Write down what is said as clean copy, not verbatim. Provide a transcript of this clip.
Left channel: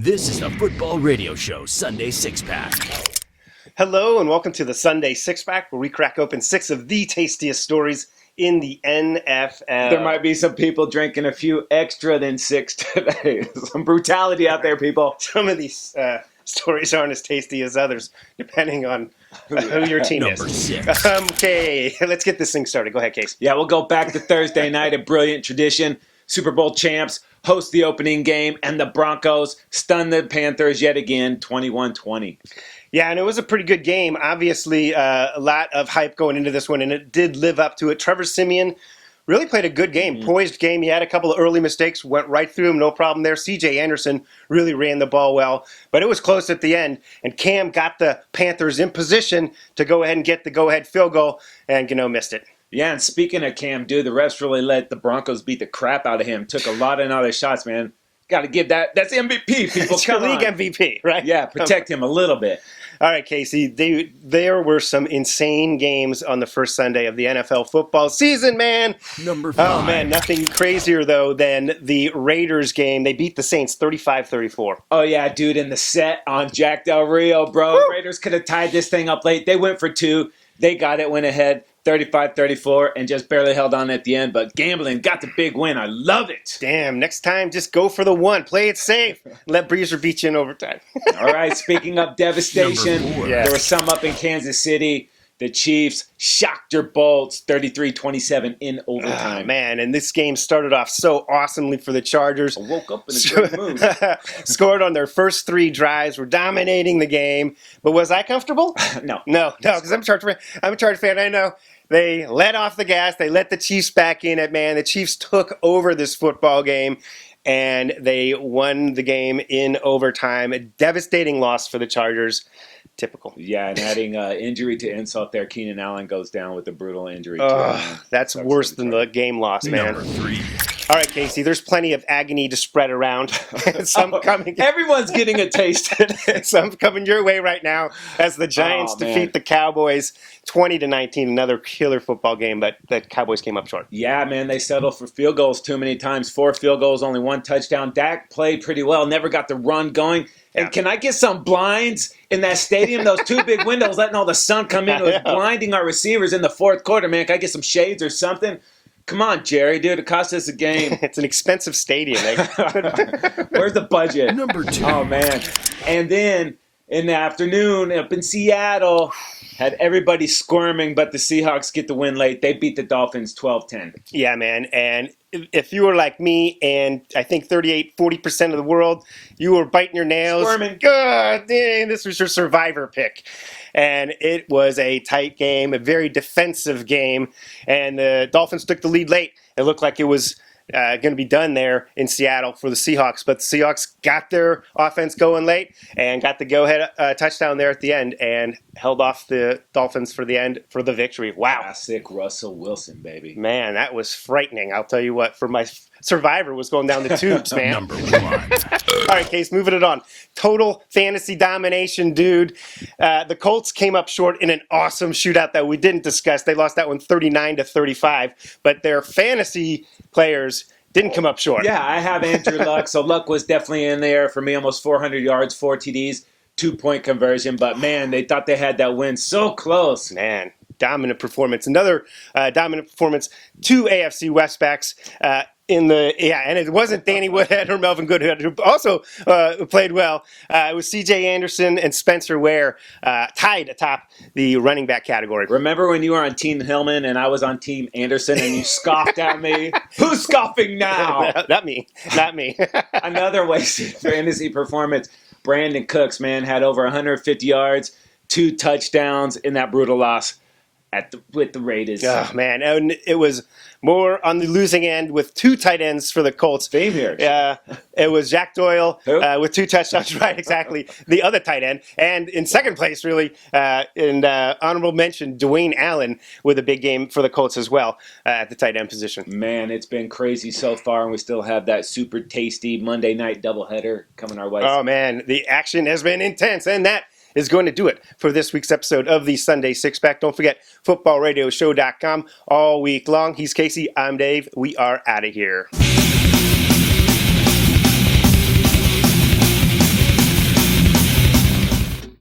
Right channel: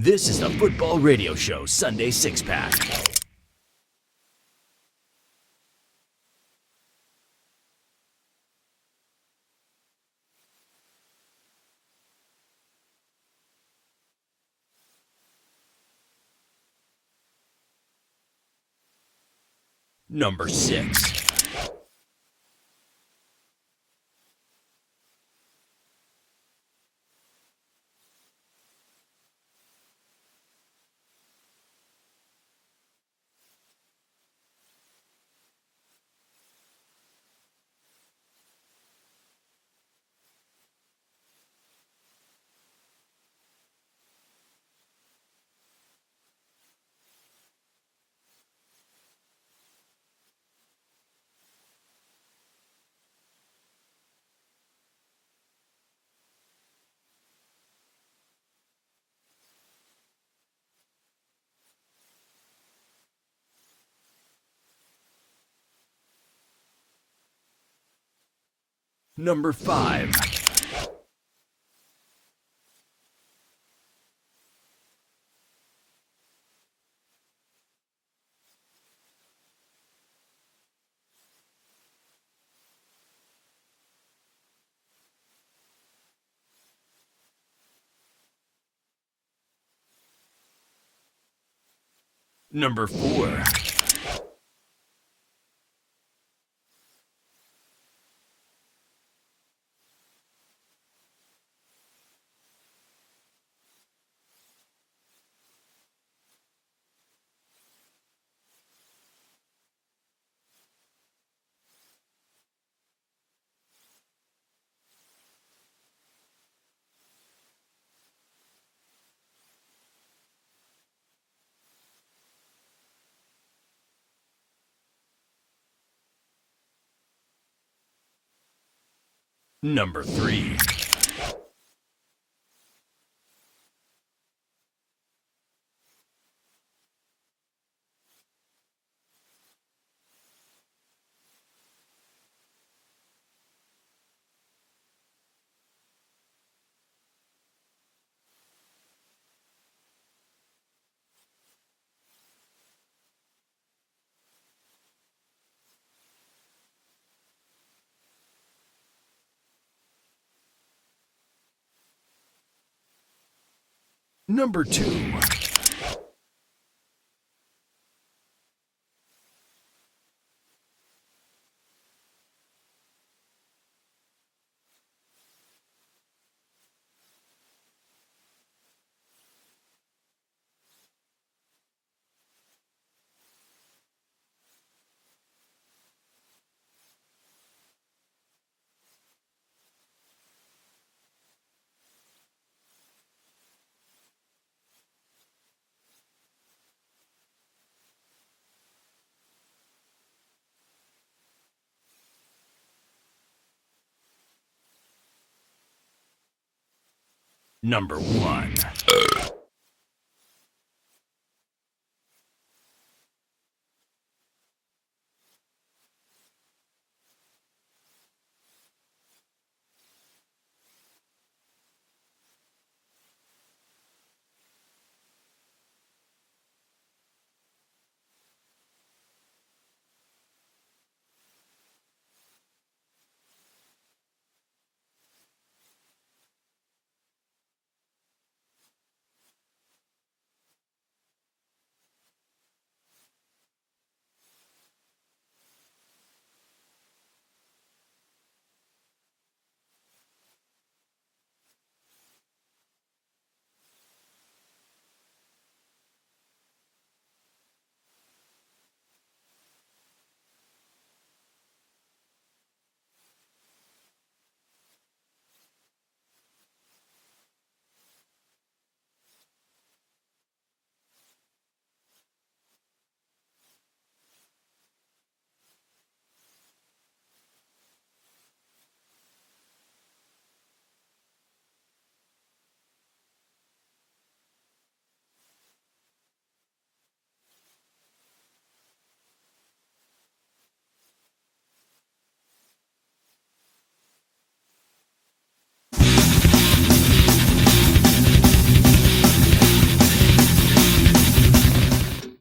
This is the Football Radio Show Sunday Six Pack. Hello and welcome to the Sunday Six Pack, where we crack open six of the tastiest stories in the NFL. There might be some people drinking a few extra than six today. Some brutality out there, people. Some of these stories aren't as tasty as others, depending on who your team Number is. 6. Okay, let's get this thing started. Go ahead, Case. Yeah, we'll go back to Thursday night, a brilliant tradition. Super Bowl champs host the opening game, and the Broncos stun the Panthers yet again, 21-20. Yeah, and it was a pretty good game. Obviously, a lot of hype going into this one, and it did live up to it. Trevor Siemian really played a good game, poised game. He had a couple of early mistakes, went right through him, no problem there. C.J. Anderson really ran the ball well, but it was close at the end, and Cam got the Panthers in position to go ahead and get the go-ahead field goal, and Gano missed it. Yeah, and speaking of Cam, dude, the refs really let the Broncos beat the crap out of him. Took a lot of other shots, man. Got to give that. That's MVP, people. It's your league MVP, right? Yeah, protect him a little bit. All right, Casey, there were some insane games on the first Sunday of the NFL football season, man. Number 5. Oh, man, nothing crazier, though, than the Raiders game. They beat the Saints 35-34. Oh, yeah, dude, in the set on Jack Del Rio, bro. Woo! Raiders could have tied this thing up late. They went for 2. They got it, went ahead 35-34, and just barely held on at the end. But gambling got the big win. I love it. Damn, next time, just go for the one. Play it safe. Let Breezer beat you in overtime. All right, speaking of devastation, Number 4. there was some up in Kansas City. The Chiefs shocked your Bolts 33-27 in overtime. Oh, man, and this game started off so awesomely for the Chargers. I woke up in a good mood. Scored on their first 3 drives, were dominating the game. But was I comfortable? No. No, because I'm a Charger fan. I'm a Charger fan. I know. They let off the gas. They let the Chiefs back in it, man. The Chiefs took over this football game, and they won the game in overtime. A devastating loss for the Chargers. Typical. Yeah, and adding injury to insult there, Keenan Allen goes down with a brutal injury. That's Sucks worse for the than the game loss, man. Number 3. All right, Casey, there's plenty of agony to spread around. Some coming. Everyone's getting a taste. Some coming your way right now as the Giants defeat the Cowboys 20-19. Another killer football game, but the Cowboys came up short. Yeah, man, they settled for field goals too many times. 4 field goals, only 1 touchdown. Dak played pretty well, never got the run going. And can I get some blinds in that stadium? Those 2 big windows letting all the sun come in. It was blinding our receivers in the fourth quarter, man. Can I get some shades or something? Come on, Jerry, dude. It cost us a game. It's an expensive stadium. Where's the budget? Number 2. Oh, man. And then in the afternoon up in Seattle, had everybody squirming, but the Seahawks get the win late. They beat the Dolphins 12-10. Yeah, man. And if you were like me and I think 40% of the world, you were biting your nails. Squirming. God dang, this was your survivor pick. And it was a tight game, a very defensive game. And the Dolphins took the lead late. It looked like it was going to be done there in Seattle for the Seahawks. But the Seahawks got their offense going late and got the go-ahead touchdown there at the end and held off the Dolphins for the end for the victory. Wow. Classic Russell Wilson, baby. Man, that was frightening. I'll tell you what, for my survivor was going down the tubes, man. Number 1. All right, Case, moving it on. Total fantasy domination, dude. The Colts came up short in an awesome shootout that we didn't discuss. They lost that one 39-35, but their fantasy players didn't come up short. Yeah, I have Andrew Luck, so Luck was definitely in there for me. Almost 400 yards, 4 TDs, 2-point conversion. But, man, they thought they had that win so close. Man, dominant performance. Another dominant performance. 2 AFC West backs and it wasn't Danny Woodhead or Melvin Goodhead who also played well. It was C.J. Anderson and Spencer Ware tied atop the running back category. Remember when you were on Team Hillman and I was on Team Anderson and you scoffed at me? Who's scoffing now? Not me. Another wasted fantasy performance. Brandon Cooks, man, had over 150 yards, 2 touchdowns in that brutal loss with the Raiders. Oh, man. And it was more on the losing end with 2 tight ends for the Colts. Same here. It was Jack Doyle Who? with 2 touchdowns, right, exactly. The other tight end. And in second place, really, in honorable mention, Dwayne Allen with a big game for the Colts as well at the tight end position. Man, it's been crazy so far, and we still have that super tasty Monday night doubleheader coming our way. Oh, man, the action has been intense, and that is going to do it for this week's episode of the Sunday Six Pack. Don't forget, footballradioshow.com all week long. He's Casey. I'm Dave. We are out of here.